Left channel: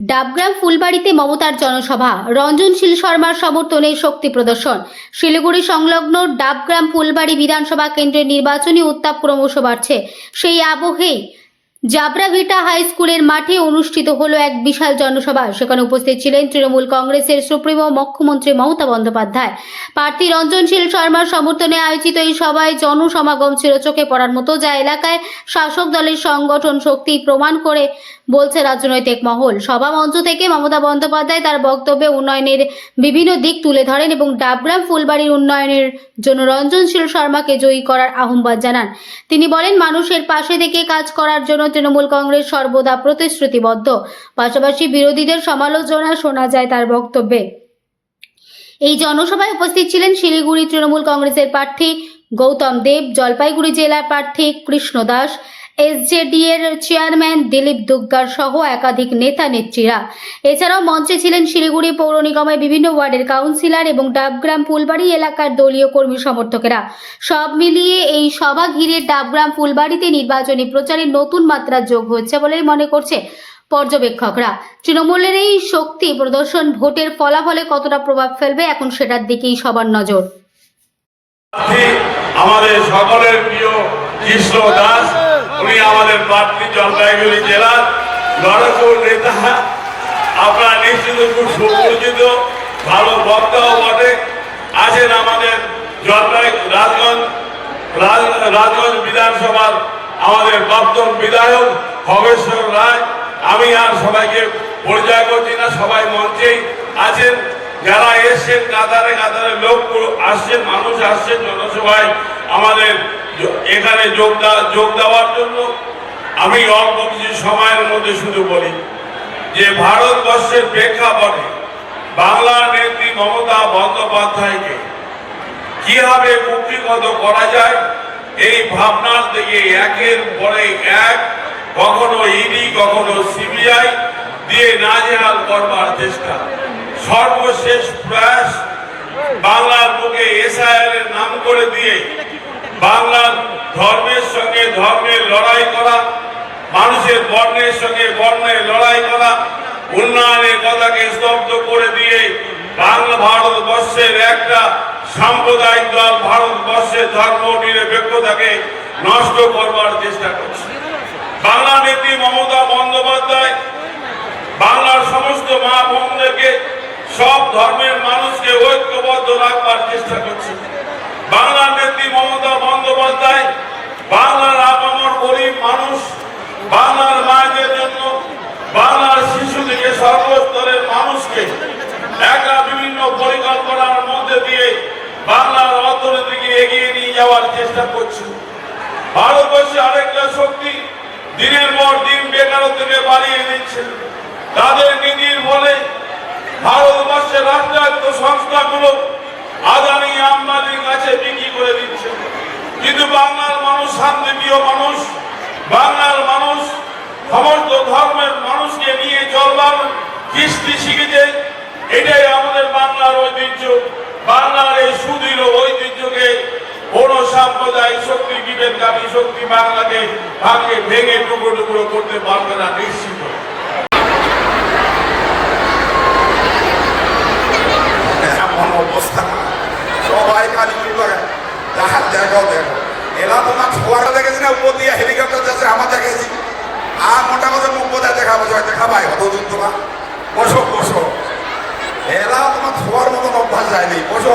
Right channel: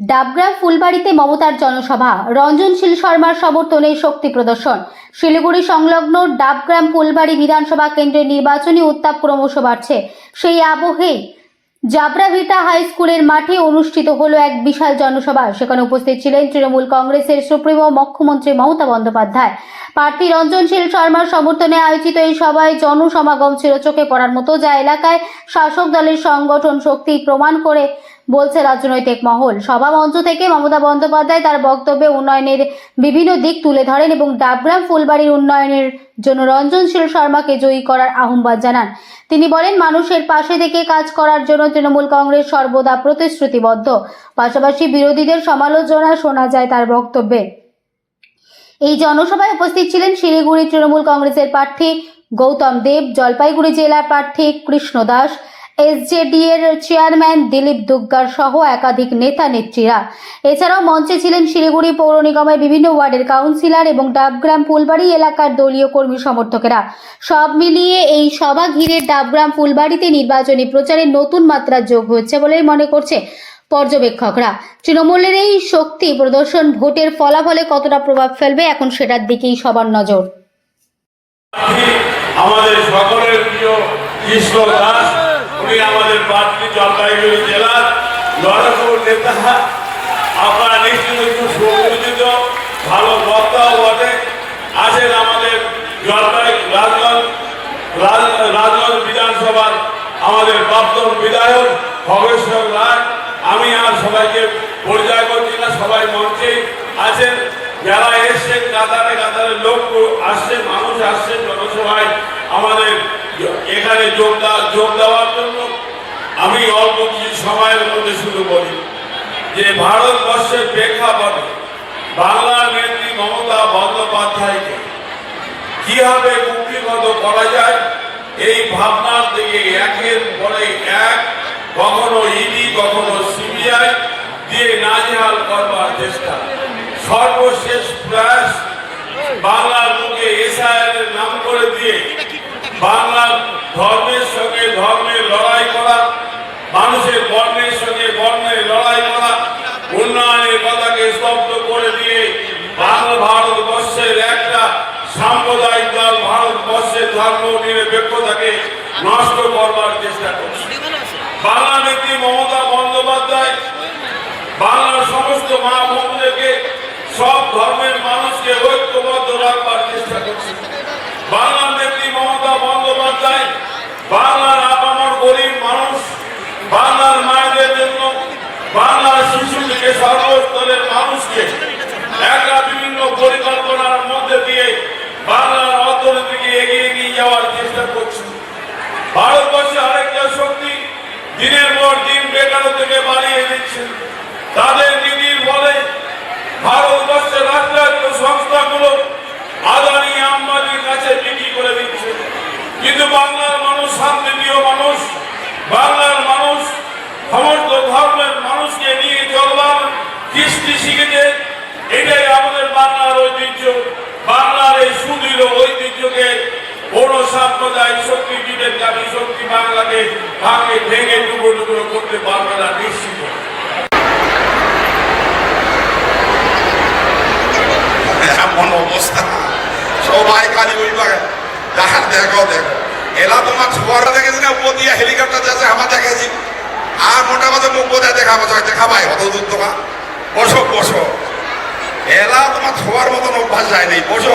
ডাবগ্রাম ফুলবাড়িতে মমতার জনসভা, রঞ্জনশীল শর্মার সমর্থনে শক্তি প্রদর্শন। শিলিগুড়ি সংলগ্ন ডাবগ্রাম ফুলবাড়ি বিধানসভা কেন্দ্রের নির্বাচনী উত্তাপ ক্রমশ বাড়ছে। সেই আবহেই জাবরাভিটা হাই স্কুলের মাঠে অনুষ্ঠিত হলো এক বিশাল জনসভা। সেখানে উপস্থিত ছিলেন তৃণমূল কংগ্রেসের সুপ্রিমো মুখ্যমন্ত্রী মমতা বন্দ্যোপাধ্যায়। প্রার্থী রঞ্জনশীল শর্মার সমর্থনে আয়োজিত এই সভায় জনসমাগম ছিল চোখে পড়ার মতো, যা এলাকায় শাসক দলের সংগঠন শক্তি প্রমাণ করে বলছে রাজনৈতিক মহল। সভা মঞ্চ থেকে মমতা বন্দ্যোপাধ্যায় তার বক্তব্যে উন্নয়নের বিভিন্ন দিক তুলে ধরেন এবং ডাবগ্রাম ফুলবাড়ির উন্নয়নের জন্য রঞ্জনশীল শর্মাকে জয়ী করার আহ্বান জানান। তিনি বলেন, মানুষের পাশে থেকে কাজ করার জন্য তৃণমূল কংগ্রেস সর্বদা প্রতিশ্রুতিবদ্ধ। পাশাপাশি বিরোধীদের সমালোচনা শোনা যায় তার বক্তব্যে। এই জনসভায় উপস্থিত ছিলেন শিলিগুড়ি তৃণমূল কংগ্রেসের প্রার্থী গৌতম দেব, জলপাইগুড়ি জেলা প্রার্থী কৃষ্ণ দাস, এসজেডি এর চেয়ারম্যান দিলীপ দুগ্গার সহ একাধিক নেতা নেত্রীরা। এছাড়াও মঞ্চে ছিলেন শিলিগুড়ি পৌর নিগমের বিভিন্ন ওয়ার্ডের কাউন্সিলর এবং ডাবগ্রাম ফুলবাড়ি এলাকার দলীয় কর্মী সমর্থকেরা। সব মিলিয়ে এই সভা ঘিরে ডাবগ্রাম ফুলবাড়িতে নির্বাচনী প্রচারে নতুন মাত্রা যোগ হচ্ছে বলেই মনে করছে পর্যবেক্ষকরা। তৃণমূলের এই শক্তি প্রদর্শন ভোটের ফলাফলে কতটা প্রভাব ফেলবে, এখন সেটার দিকেই সবার নজর। আমাদের সকলের প্রিয় কৃষ্ণ দাস, উনি আমাদের প্রার্থী জলপাইগুড়ি জেলার জনপ্রিয় নেতা। আপনারা নিশ্চয়ই খুব সুপরিচিত, ভালো বক্তাও বটে। আছেন আমাদের রাজগঞ্জ বিধানসভার আমাদের প্রাক্তন বিধায়ক খগেশ্বর রায়। আমি আর সবাইকে পরিচয় করছি না, সবাই মঞ্চেই আছেন। যারা এসছেন, কাতারে কাতারে লোক আসছেন, মানুষ আসছেন জনসভায় আমাদের এখানে যোগ দেওয়ার জন্য। আমি অল্প কিছু সময়ের মধ্যে শুরু করি যে ভারতবর্ষের প্রেক্ষাপটে বাংলার নেত্রী মমতা বন্দ্যোপাধ্যায়কে কিভাবে মুক্তিগত করা যায়, এই ভাবনার থেকে একের পরে এক কখনো ইডি কখনো সিবিআই দিয়ে নাজেহাল করবার চেষ্টা। সর্বশেষ প্রয়াস বাংলার বুকে এসআইআর এর নাম করে দিয়ে বাংলার ধর্মের সঙ্গে ধর্মের লড়াই করা, মানুষের বর্ণের সঙ্গে বর্ণের লড়াই করা, উন্নয়নের কথাকে স্তব্ধ করে দিয়ে ভারতবর্ষের একটা সাম্প্রদায়িক দল ভারতবর্ষের ধর্ম নিরপেক্ষতাকে নষ্ট করবার চেষ্টা করছে। বাংলা নেত্রী মমতা বন্দ্যোপাধ্যায় বাংলার সমস্ত মা বোনদেরকে, সব ধর্মের মানুষকে ঐক্যবদ্ধ রাখবার চেষ্টা করছে। বাংলার নেত্রী মমতা বন্দ্যোপাধ্যায় বাংলার আপামর গরিব মানুষ, বাংলার মায়েদের জন্য, বাংলার শিশু থেকে সর্বস্তরের মানুষকে একটা বিভিন্ন পরিকল্পনার মধ্যে দিয়ে বাংলার অর্থনীতিকে এগিয়ে নিয়ে যাওয়ার চেষ্টা করছে। ভারতবর্ষে আরেকটা শক্তি দিনের পর দিন বেকারত্বকে বাড়িয়ে দিচ্ছে। তাদের নীতির ফলে ভারতবর্ষের রাষ্ট্রায়ত্ত সংস্থাগুলো আদানি আম্বানির কাছে বিক্রি করে দিচ্ছে। কিন্তু বাংলার মানুষ শান্তিপ্রিয় মানুষ, বাংলার মানুষ সমস্ত ধর্মের মানুষকে নিয়ে চলবার কৃষ্টি শিখেছে। এটাই আমাদের বাংলার ঐতিহ্য। বাংলার এই সুদৃঢ় ঐতিহ্যকে কোন সাম্প্রদায়িক শক্তি, বিবেকবাদী শক্তি বাংলাকে ভাঙে ভেঙে টুকরো টুকরো করতে পারবে না, নিশ্চিত। অবস্থা সবাই কাজে দেখো এরা তোমার ছোয়ার দেখেছি না, উপর দিয়ে হেলিকপ্টার যাচ্ছে, আমার দেখেছি। আর মোটামুটি 90 দেখাবাই অত দূর তোমার বসো এরা তোমার ছোয়ার মতন অভ্যাস যায়নি, বসো।